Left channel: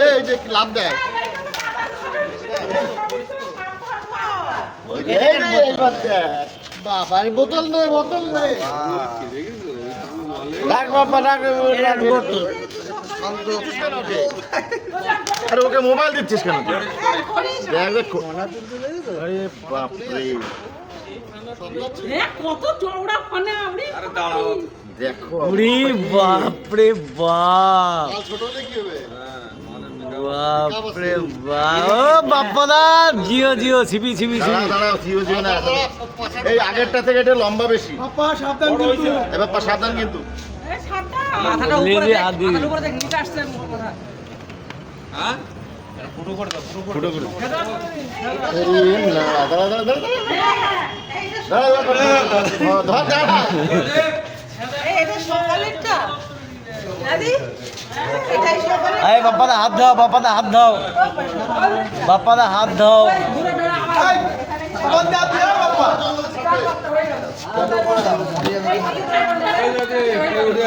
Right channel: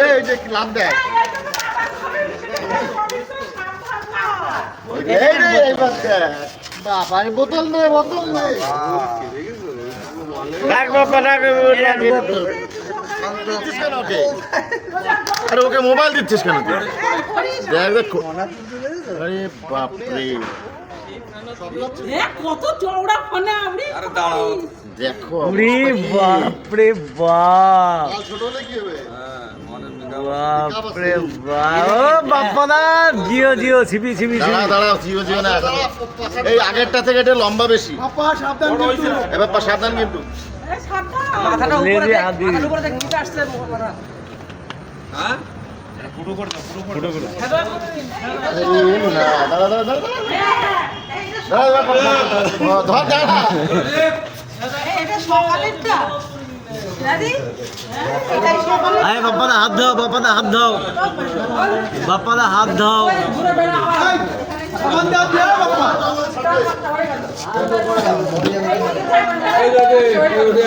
এই যে লাভ দেয় বাবা বোতল নেই বোতল নেই আরে ওকে মোবাইল দিচ্ছিস কেন কত চওড়া ফোনে আপনি দেখো বাপরে বাপ ছোট হলে কি হবে বাপরে বাপ ও বাপ্পাদা জিও জিও সিবি সিবি সিবি দাঁড়াও জিও জিও না এই আগেরটা থেকে এটা লম্বা বেশি সাবধান কিন্তু এবার সাবধান কিন্তু এই সাতটা মাথাটা উপরে দেখ মাথার উপরে দেখ নিচে আসছে মাথা হ্যাঁ ফুটো করে না দাঁড়া দাঁড়া দাঁড়া ধর দাঁড়া এটা সকালেরটা দাদি এটাই সকালে আরে বাপ্পাদা হাত দাও বাপ্পাদা হাত দাও বাপ্পাদা হাত দাও ঘুরে বেড়া এই যে